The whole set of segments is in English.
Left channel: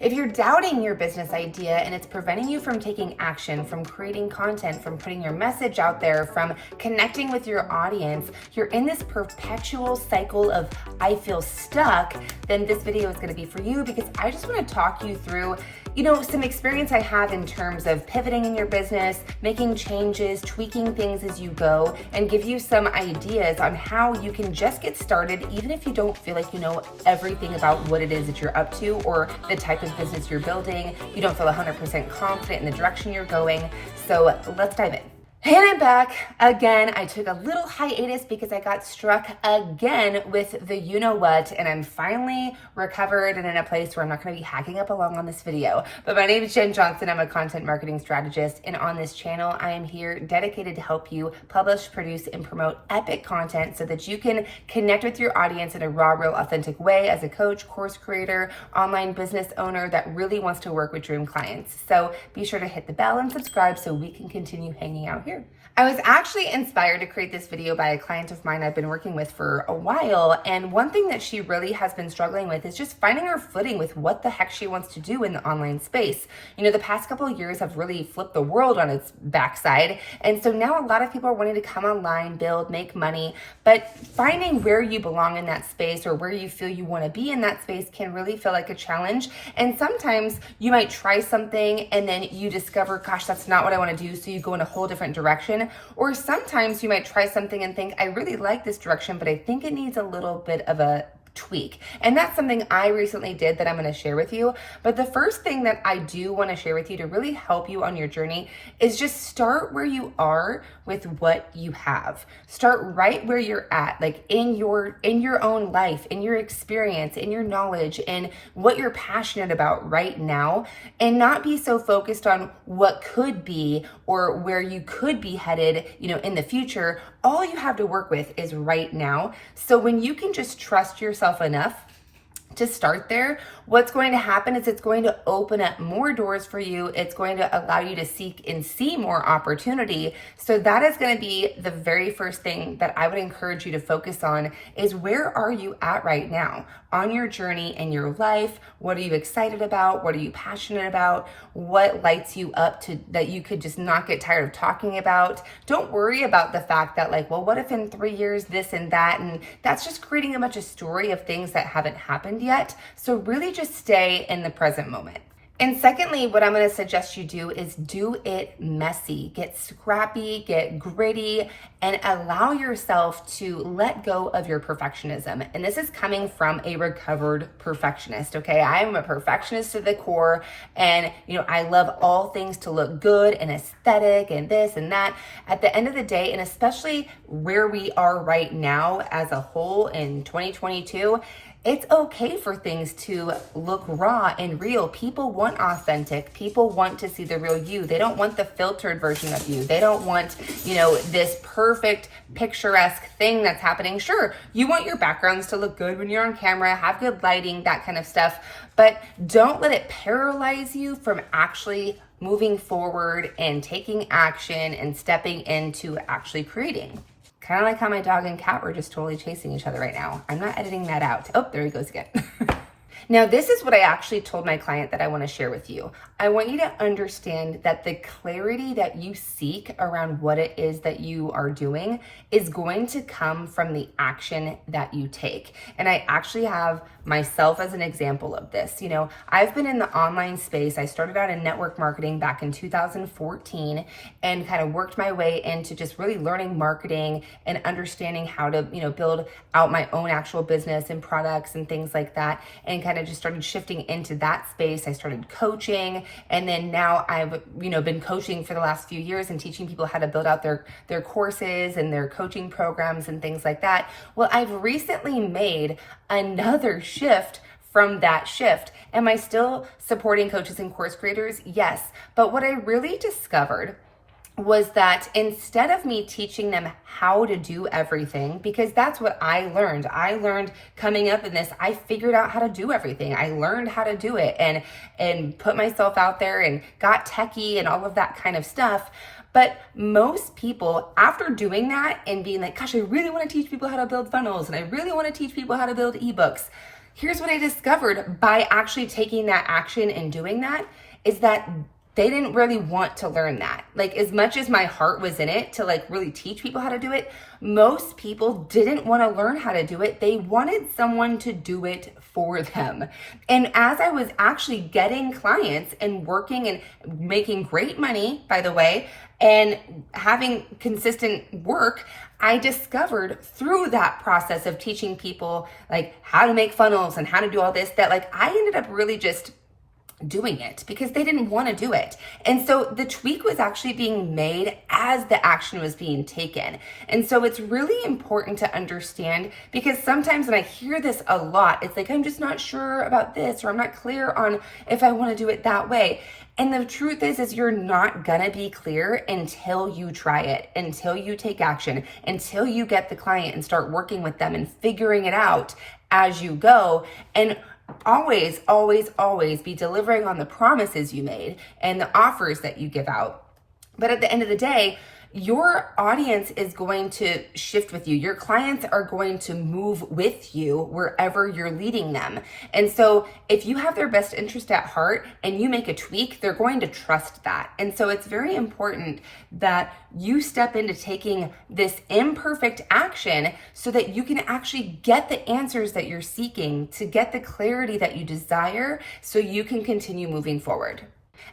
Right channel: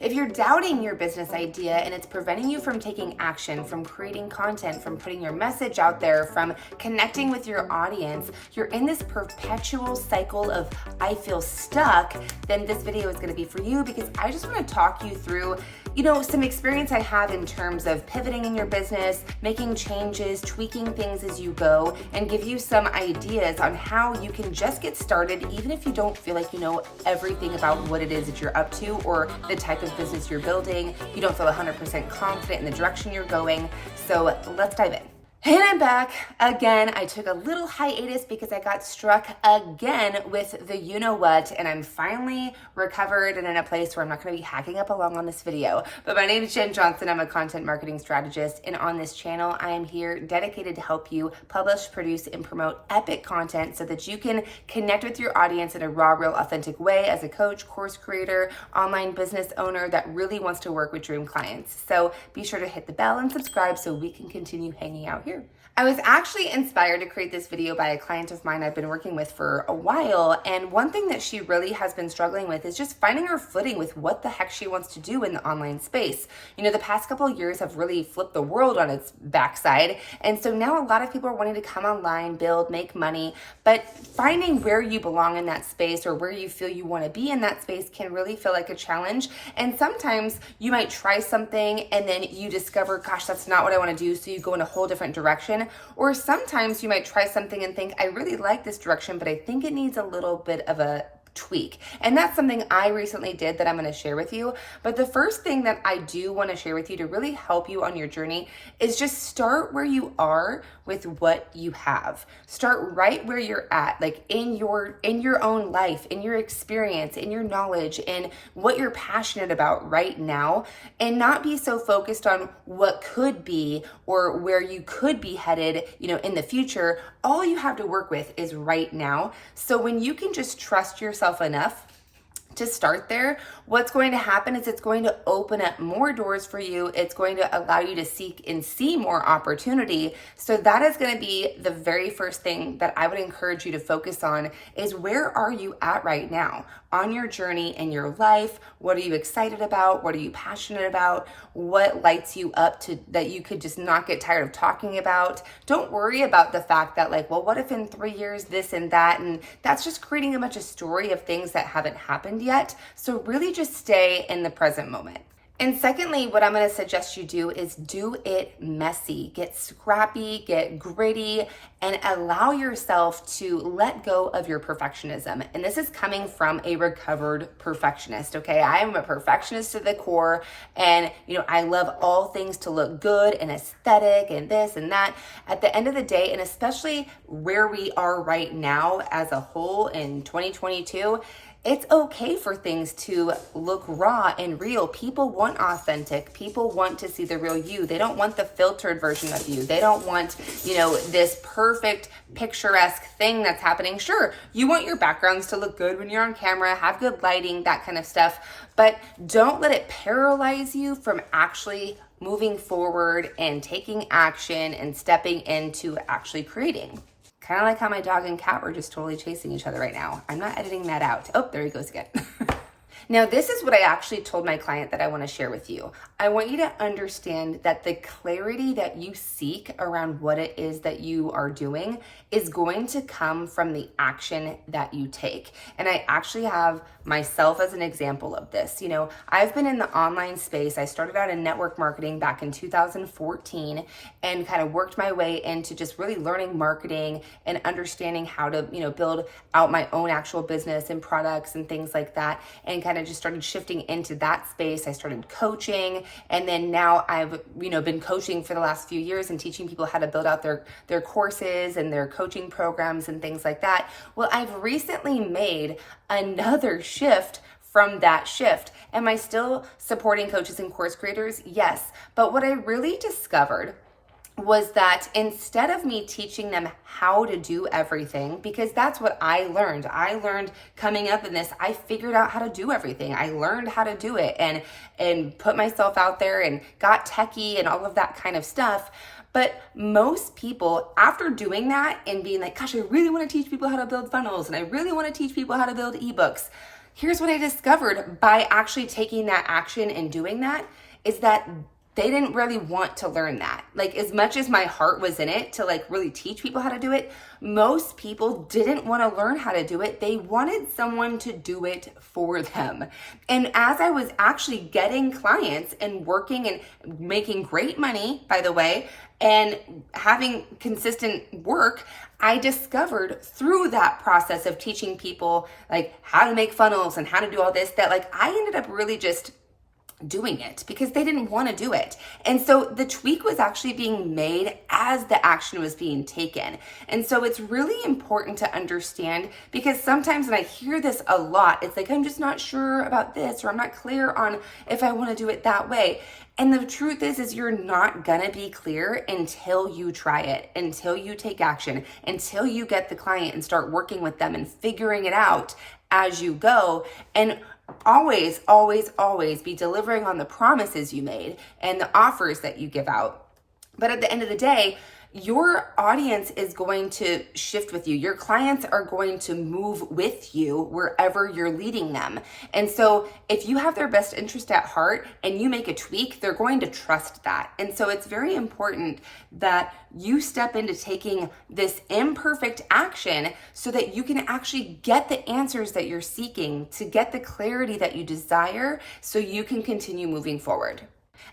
If you're doubting your business idea and it's preventing you from taking action, from creating content, from putting your message out there, from connecting with your audience, you're in this perpetual cycle of I feel stuck, then this video is going to be for you, because I just want to talk you through some experience I have in terms of pivoting in your business, making changes, tweaking things as you go, and give you some ideas on how you can just get started, even if you don't feel like you know everything about what it is that you're up to or the type of business you're building. You don't feel 100% confident in the direction you're going. So let's dive in. And I'm back again. I took a little hiatus because I got struck again with the you-know-what, and I'm finally recovered and in a place where I'm not going to be hacking up along on this video. But my name is Jen Johnson. I'm a content marketing strategist, and on this channel, I am here dedicated to help you publish, produce, and promote epic content so that you can connect with your audience in a raw, real, authentic way as a coach, course creator, online business owner that really wants to work with dream clients. So be sure to hit the bell and subscribe so we can continue hanging out here. I was actually inspired to create this video by a client of mine I've been working with for a while, and one thing that she really has been struggling with is just finding her footing with what the heck she wants to do in the online space. The past couple of years have really flipped the world on its backside, and so now a lot of people are wanting to come online, build, make money, but finding where you belong in that space or where you feel you want to be in that space can really feel like a challenge. And sometimes you might try something and then you discover, gosh, that's not what I want to do, so you go in a whole different direction. Or sometimes you might try something and think, I really like this direction, but I think it needs a little bit of a tweak. And that's something I recently did that I'm going to share with you. But the first thing that I do want to share with you to really help you on your journey is just start where you are with what you have. Start right where you're at, like in your own life, in your experience, in your knowledge, and what you're passionate about right now, and not be so focused on what could be or where you could be headed, in the future. All you have to work with is right now. So when you can just trust yourself enough to start there, what's going to happen is it's going to open up more doors for you. It's going to allow you to seek and see more opportunity. So that is going to be the very first thing that I would encourage you to focus on is where are you at right now on your journey in your life? What are you excited about? What are you passionate about? What lights you up to that you could just not get tired of talking about? Don't worry about the fact that what if in 3 years this and that, and that's just creating a bunch of story of things that haven't happened yet. So really just stay in the present moment. And secondly, what I'm going to suggest you do is do it messy, get scrappy, get gritty, and allow yourself to let go of your perfectionism. And this is coming from a recovered perfectionist, okay? I am a perfectionist to the core, and I love all things to look good and aesthetic and this and that. At the end of the day, and especially where we are right now as a whole in 2022, it's okay for things to look raw and real. People want authentic. People want to see the real you. They don't want the filtered version of you. They don't want, this perfect picturesque thing that's happening. Sure, you want your backgrounds to look good when you're on camera, have good lighting, that kind of stuff, but don't let it paralyze you from actually moving forward and taking action and stepping into actually creating. Kind of like how my dog and cat were just totally chasing each other right now. I'm not editing that out. Oh, there he goes again. Now, this is what I actually told my client that I want to share with you. I want you to understand that the clarity that you seek around what it is that you are doing is going to come from the action that you take. And I actually have myself as an example of this. I've been in the online space. I started out in network marketing back in 2014 and kind of worked my way into just really learning marketing and understanding how to, build out my own actual business and products and things like that, and kind of just started shifting into that space. I started coaching, and then now I've, been coaching for the last few years and teaching people how to build out their courses and their coaching programs and things like that. Well, I've recently made another shift from that shift. Am I still supporting coaches and course creators? Yes. But what I really discovered was that instead of me teaching them how to do everything, because that's what I learned. I learned coming up in this, I figured out how to do everything. I learned how to do it and put myself out there and got techie and all of that kind of stuff. But most people, after doing that and being like, gosh, I really want to teach people how to build funnels and I really want to teach people how to build ebooks, here's what I discovered by actually taking that action and doing that is that they didn't really want to learn that. Like, as much as my heart was in it to like really teach people how to do it, most people didn't want to learn how to do it. They wanted someone to do it for them. And as I was actually getting clients and working and making great money, by the way, and having consistent work, I discovered through that process of teaching people like how to make funnels and how to do all this, that like I ended up really just doing it because they didn't want to do it. And so the tweak was actually being made as the action was being taken. And so it's really important to understand, because sometimes, and I hear this a lot, it's like, I'm just not sure about this, or I'm not clear on if I want to do it that way. And the truth is you're not gonna be clear until you try it, until you take action, until you get the client and start working with them and figuring it out as you go. And always, always, always be delivering on the promises you made and the offers that you give out. But at the end of the day, your audience is going to shift with you. Your clients are going to move with you wherever you're leading them. And so if you have their best interest at heart and you make a tweak, they're going to trust that. And so it's very important that you step into taking this imperfect action so that you can actually get the answers that you're seeking, to get the clarity that you desire, so you can continue moving forward.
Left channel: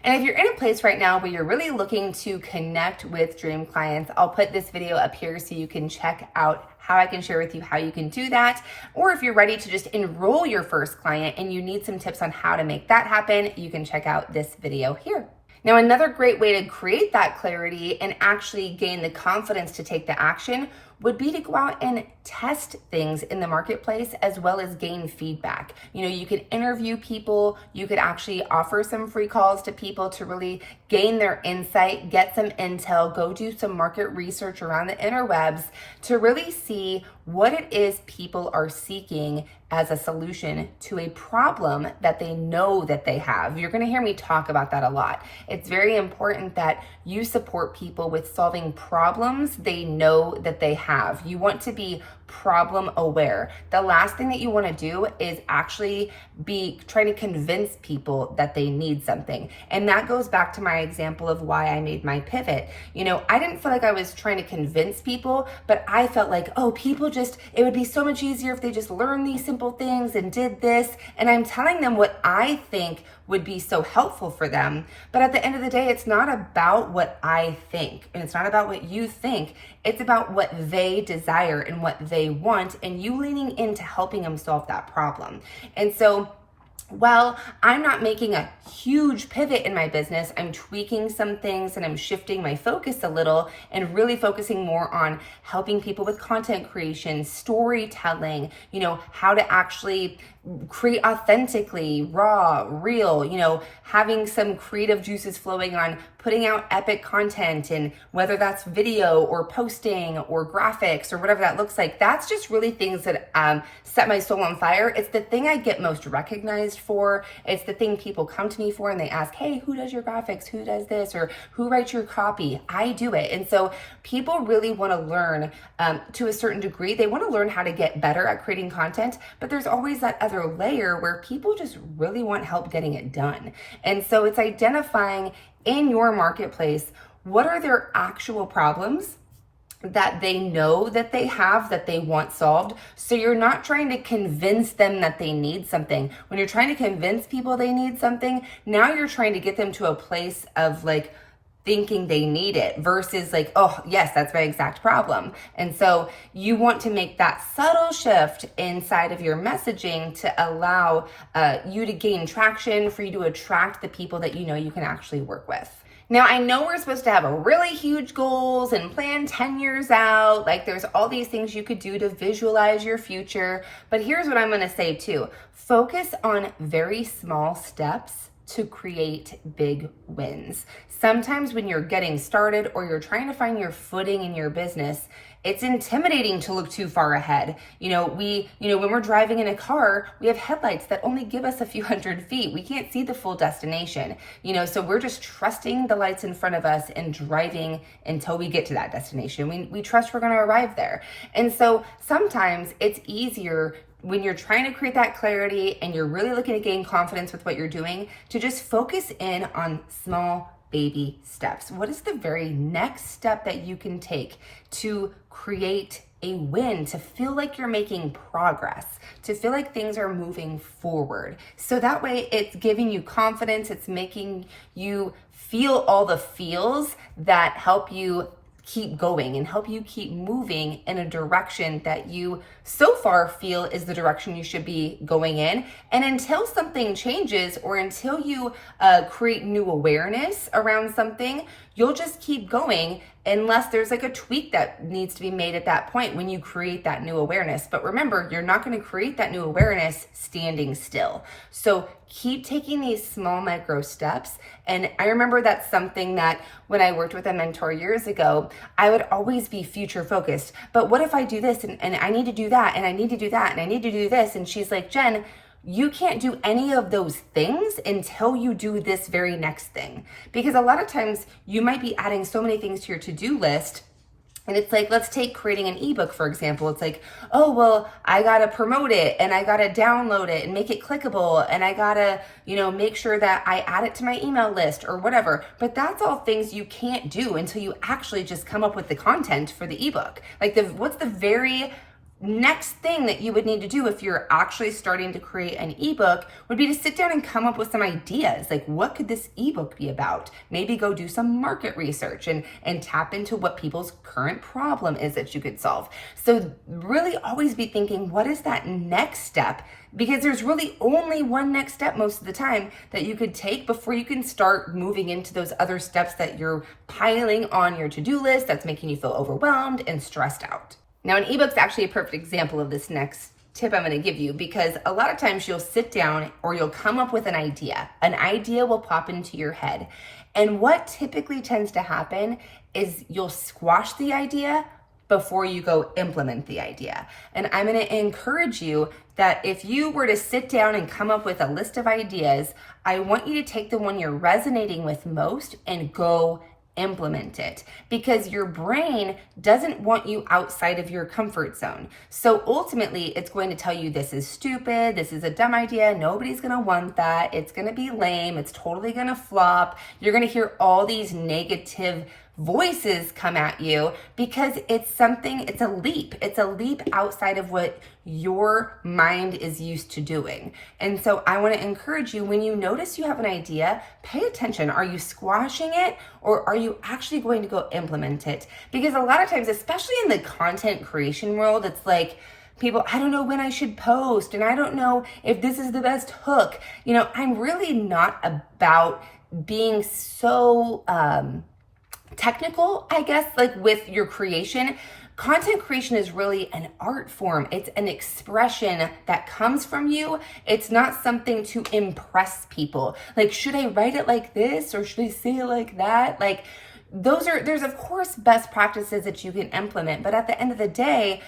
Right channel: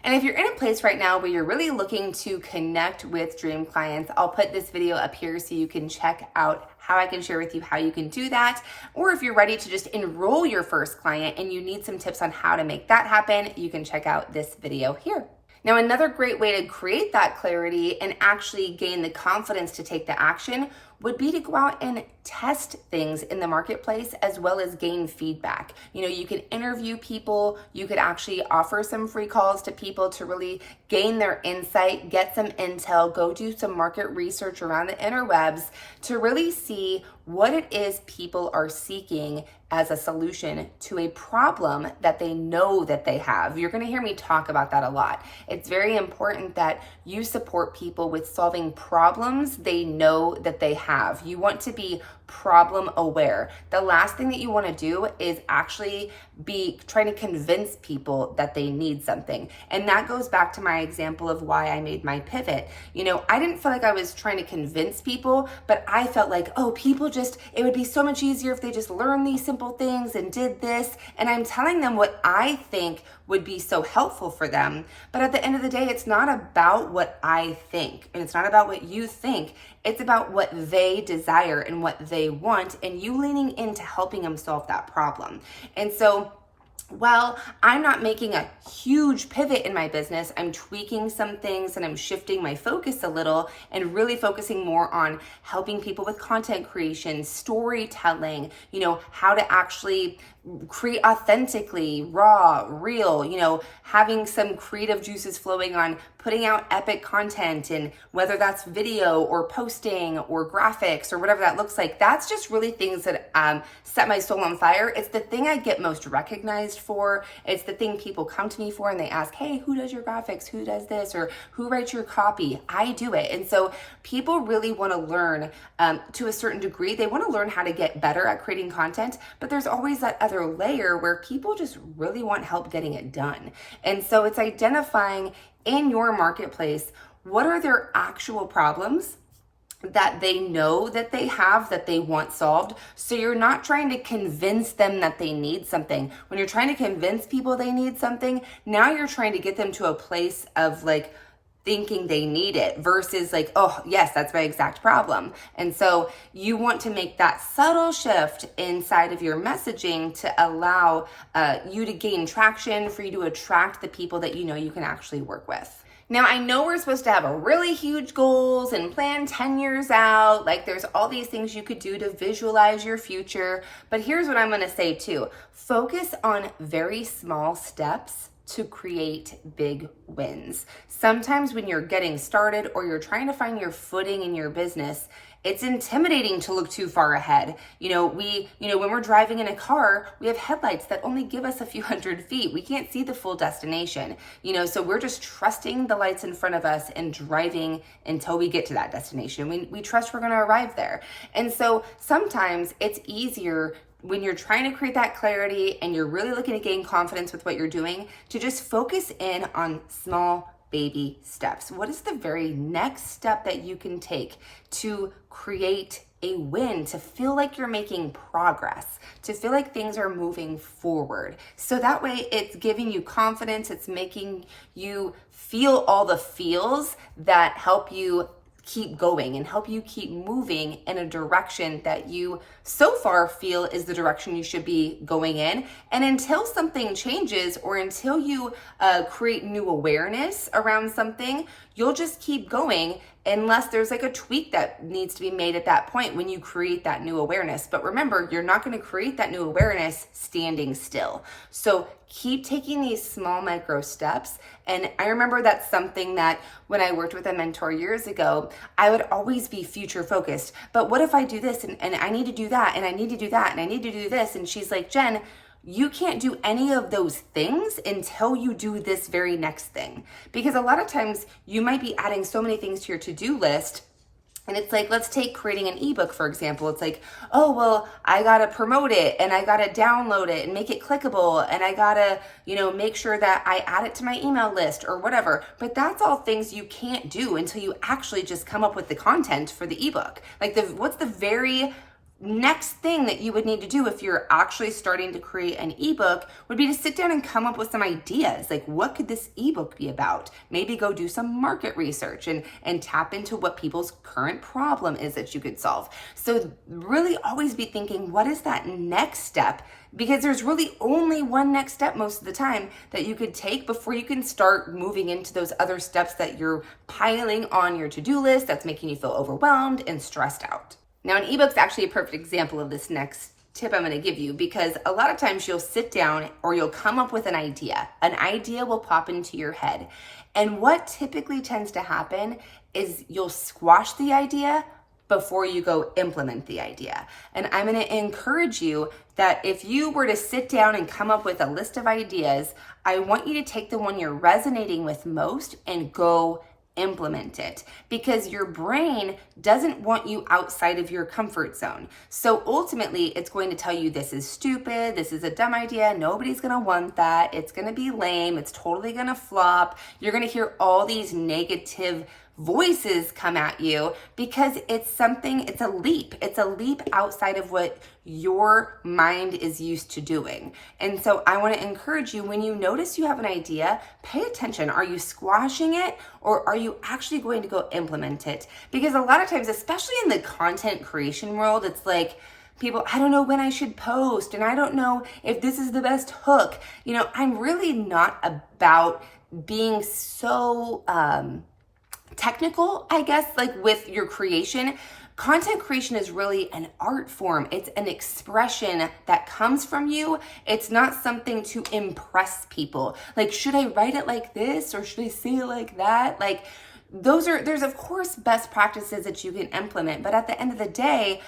And if you're in a place right now where you're really looking to connect with dream clients, I'll put this video up here so you can check out how I can share with you how you can do that. Or if you're ready to just enroll your first client and you need some tips on how to make that happen, you can check out this video here. Now, another great way to create that clarity and actually gain the confidence to take the action would be to go out and test things in the marketplace, as well as gain feedback. You know, you could interview people, you could actually offer some free calls to people to really gain their insight, get some intel, go do some market research around the interwebs to really see what it is people are seeking as a solution to a problem that they know that they have. You're going to hear me talk about that a lot. It's very important that you support people with solving problems they know that they have. You want to be problem aware. The last thing that you want to do is actually be trying to convince people that they need something. And that goes back to my example of why I made my pivot. You know, I didn't feel like I was trying to convince people, but I felt like, oh, people just, it would be so much easier if they just learned these simple things and did this. And I'm telling them what I think would be so helpful for them. But at the end of the day, it's not about what I think, and it's not about what you think. It's about what they desire and what they want, and you leaning into helping them solve that problem. And so, well, I'm not making a huge pivot in my business. I'm tweaking some things and I'm shifting my focus a little and really focusing more on helping people with content creation, storytelling, you know, how to actually create authentically, raw, real, you know, having some creative juices flowing on putting out epic content, and whether that's video or posting or graphics or whatever that looks like, that's just really things that set my soul on fire. It's the thing I get most recognized for. It's the thing people come to me for and they ask, hey, who does your graphics? Who does this? Or who writes your copy? I do it. And so people really want to learn to a certain degree. They want to learn how to get better at creating content, but there's always that other layer where people just really want help getting it done. And so it's identifying in your marketplace, what are their actual problems that they know that they have, that they want solved. So you're not trying to convince them that they need something. When you're trying to convince people they need something, now you're trying to get them to a place of like thinking they need it versus like, oh yes, that's my exact problem. And so you want to make that subtle shift inside of your messaging to allow you to gain traction, for you to attract the people that you know you can actually work with. Now, I know we're supposed to have a really huge goals and plan 10 years out. Like there's all these things you could do to visualize your future. But here's what I'm going to say too. Focus on very small steps to create big wins. Sometimes when you're getting started or you're trying to find your footing in your business, it's intimidating to look too far ahead. When we're driving in a car, we have headlights that only give us a few hundred feet. We can't see the full destination, so we're just trusting the lights in front of us and driving until we get to that destination. We trust we're going to arrive there. And so sometimes it's easier when you're trying to create that clarity and you're really looking to gain confidence with what you're doing, to just focus in on small baby steps. What is the very next step that you can take to create a win, to feel like you're making progress, to feel like things are moving forward? So that way it's giving you confidence, it's making you feel all the feels that help you keep going and help you keep moving in a direction that you so far feel is the direction you should be going in. And until something changes or until you create new awareness around something, you'll just keep going unless there's like a tweak that needs to be made at that point when you create that new awareness. But remember, you're not going to create that new awareness standing still. So keep taking these small micro steps. And I remember that's something that when I worked with a mentor years ago, I would always be future focused. But what if I do this and I need to do that and I need to do that and I need to do this? And she's like, Jen, you can't do any of those things until you do this very next thing. Because a lot of times you might be adding so many things to your to-do list. And it's like, let's take creating an ebook, for example. It's like, oh, well, I got to promote it and I got to download it and make it clickable. And I got to, make sure that I add it to my email list or whatever. But that's all things you can't do until you actually just come up with the content for the ebook. Like what's the very next thing that you would need to do if you're actually starting to create an ebook would be to sit down and come up with some ideas. Like, what could this ebook be about? Maybe go do some market research and tap into what people's current problem is that you could solve. So really always be thinking, what is that next step? Because there's really only one next step most of the time that you could take before you can start moving into those other steps that you're piling on your to-do list that's making you feel overwhelmed and stressed out. Now, an ebook's actually a perfect example of this next tip I'm going to give you, because a lot of times you'll sit down or you'll come up with an idea. An idea will pop into your head. And what typically tends to happen is you'll squash the idea before you go implement the idea. And I'm going to encourage you that if you were to sit down and come up with a list of ideas, I want you to take the one you're resonating with most and go implement it, because your brain doesn't want you outside of your comfort zone. So ultimately, it's going to tell you this is stupid, this is a dumb idea, nobody's going to want that, it's going to be lame, it's totally going to flop. You're going to hear all these negative voices come at you because it's a leap outside of what your mind is used to doing. And so I want to encourage you, when you notice you have an idea, pay attention. Are you squashing it or are you actually going to go implement it? Because a lot of times, especially in the content creation world, it's like, people, I don't know when I should post and I don't know if this is the best hook. I'm really not about being so technical, I guess, like with your creation. Content creation is really an art form. It's an expression that comes from you. It's not something to impress people. Like, should I write it like this or should I say it like that? Like, there's of course best practices that you can implement, but at the end of the day,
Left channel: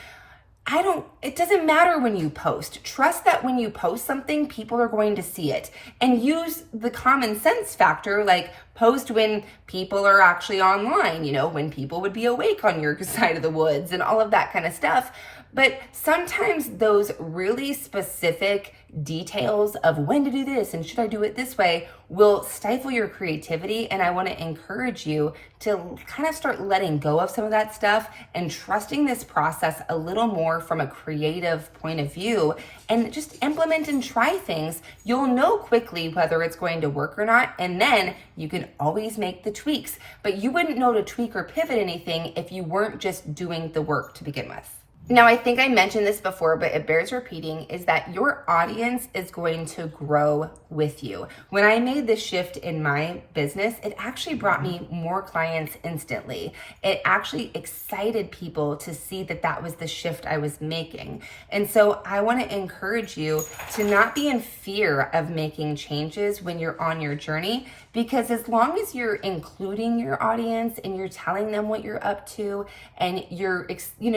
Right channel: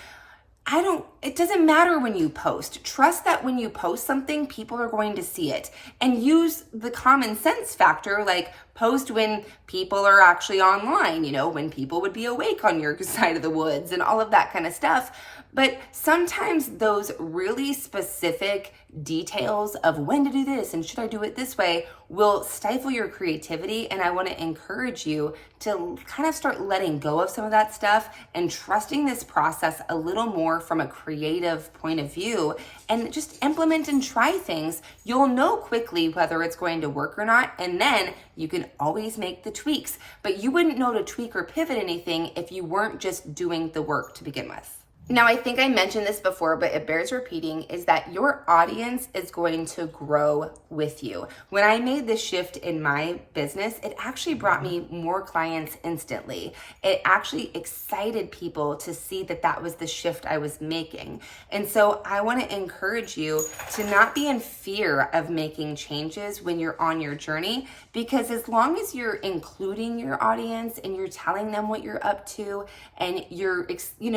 it doesn't matter when you post. Trust that when you post something, people are going to see it, and use the common sense factor, like post when people are actually online, when people would be awake on your side of the woods and all of that kind of stuff. But sometimes those really specific details of when to do this and should I do it this way will stifle your creativity. And I want to encourage you to kind of start letting go of some of that stuff and trusting this process a little more from a creative point of view, and just implement and try things. You'll know quickly whether it's going to work or not, and then you can always make the tweaks. But you wouldn't know to tweak or pivot anything if you weren't just doing the work to begin with. Now, I think I mentioned this before, but it bears repeating, is that your audience is going to grow with you. When I made this shift in my business, it actually brought me more clients instantly. It actually excited people to see that that was the shift I was making. And so I want to encourage you to not be in fear of making changes when you're on your journey, because as long as you're including your audience and you're telling them what you're up to and you're,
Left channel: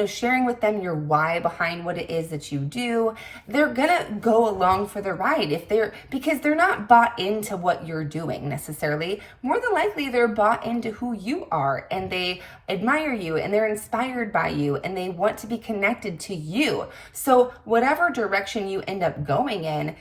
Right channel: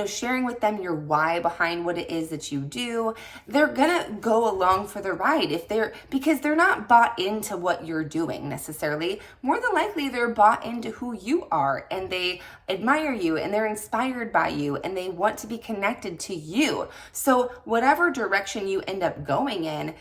sharing with them understand your why behind what it is that you do, they're gonna go along for the ride because they're not bought into what you're doing necessarily. More than likely, they're bought into who you are, and they admire you, and they're inspired by you, and they want to be connected to you. So whatever direction you end up going in,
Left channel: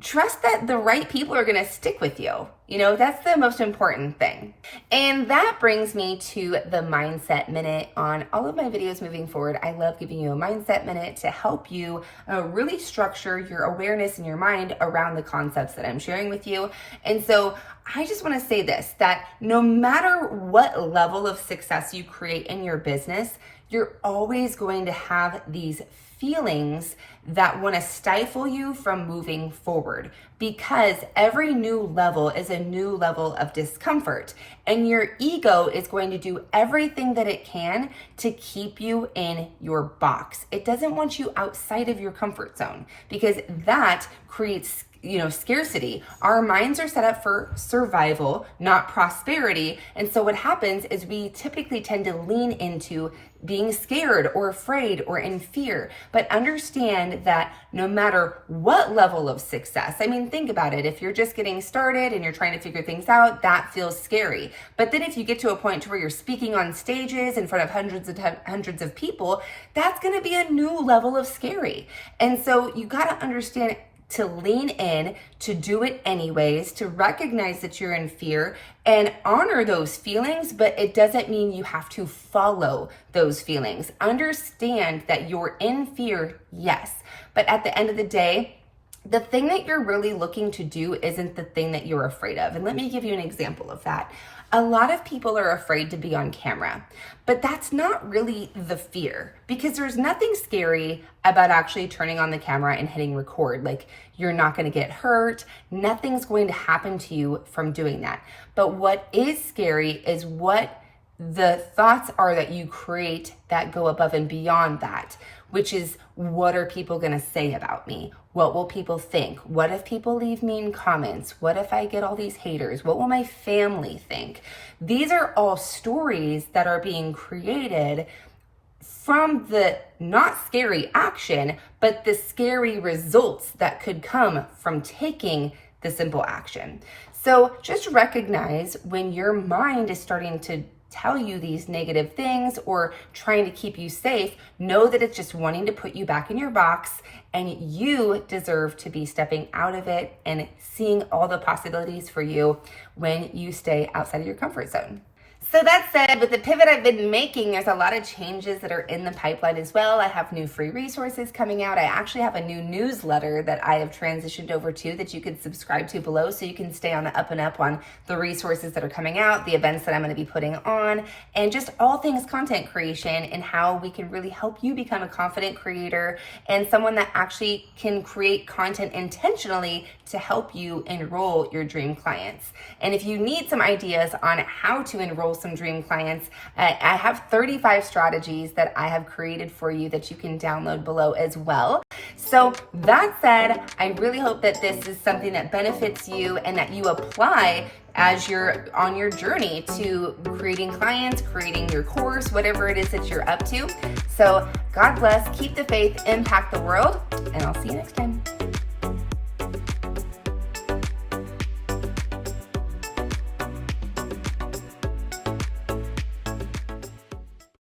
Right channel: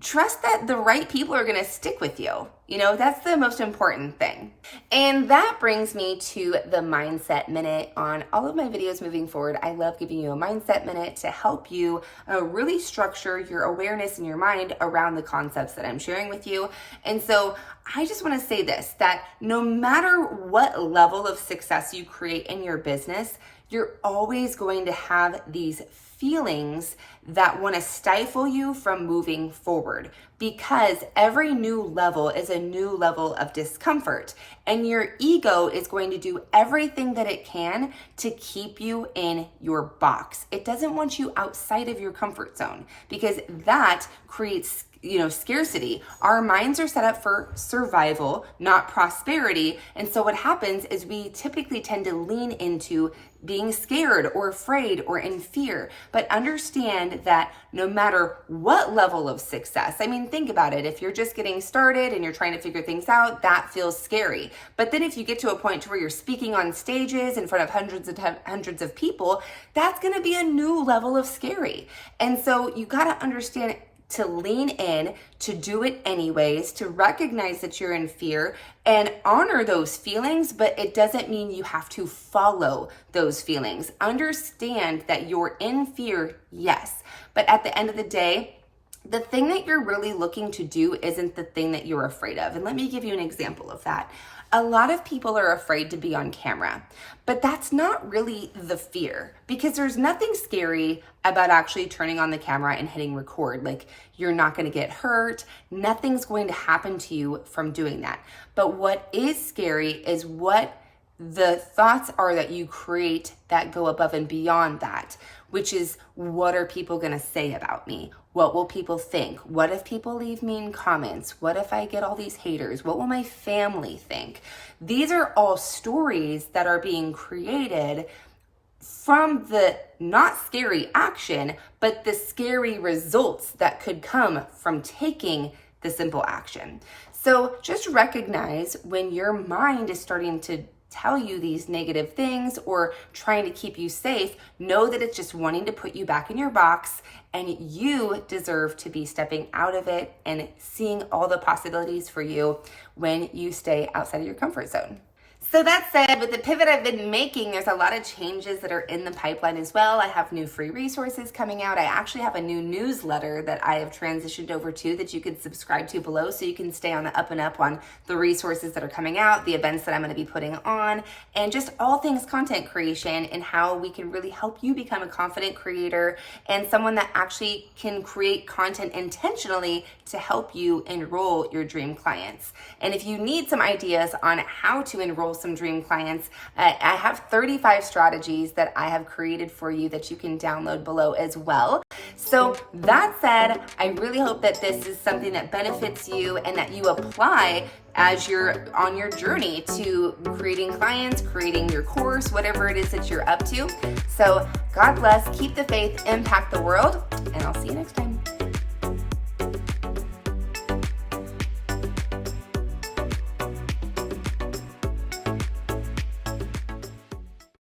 trust that the right people are going to stick with you. That's the most important thing. And that brings me to the mindset minute on all of my videos moving forward. I love giving you a mindset minute to help you really structure your awareness in your mind around the concepts that I'm sharing with you. And so I just want to say this, that no matter what level of success you create in your business, you're always going to have these feelings that want to stifle you from moving forward, because every new level is a new level of discomfort, and your ego is going to do everything that it can to keep you in your box. It doesn't want you outside of your comfort zone, because that creates scarcity. Our minds are set up for survival, not prosperity. And so what happens is we typically tend to lean into being scared or afraid or in fear. But understand that no matter what level of success, think about it. If you're just getting started and you're trying to figure things out, that feels scary. But then if you get to a point where you're speaking on stages in front of hundreds of people, that's going to be a new level of scary. And so you got to understand to lean in, to do it anyways, to recognize that you're in fear and honor those feelings, but it doesn't mean you have to follow those feelings. Understand that you're in fear, yes, but at the end of the day, the thing that you're really looking to do isn't the thing that you're afraid of. And let me give you an example of that. A lot of people are afraid to be on camera, but that's not really the fear, because there's nothing scary about actually turning on the camera and hitting record. Like, you're not going to get hurt. Nothing's going to happen to you from doing that. But what is scary is what the thoughts are that you create that go above and beyond that, which is, what are people going to say about me? What will people think? What if people leave mean comments? What if I get all these haters? What will my family think? These are all stories that are being created from the not scary action, but the scary results that could come from taking the simple action. So just recognize when your mind is starting to tell you these negative things or trying to keep you safe, know that it's just wanting to put you back in your box, and you deserve to be stepping out of it and seeing all the possibilities for you when you stay outside of your comfort zone. So that said, with the pivot I've been making, there's a lot of changes that are in the pipeline as well. I have new free resources coming out. I actually have a new newsletter that I have transitioned over to that you can subscribe to below, so you can stay on the up and up on the resources that are coming out, the events that I'm going to be putting on, and just all things content creation and how we can really help you become a confident creator and someone that actually can create content intentionally to help you enroll your dream clients. And if you need some ideas on how to enroll some dream clients, I have 35 strategies that I have created for you that you can download below as well. So that said, I really hope that this is something that benefits you and that you apply as you're on your journey to creating clients, creating your course, whatever it is that you're up to. So God bless, keep the faith, impact the world, and I'll see you next time.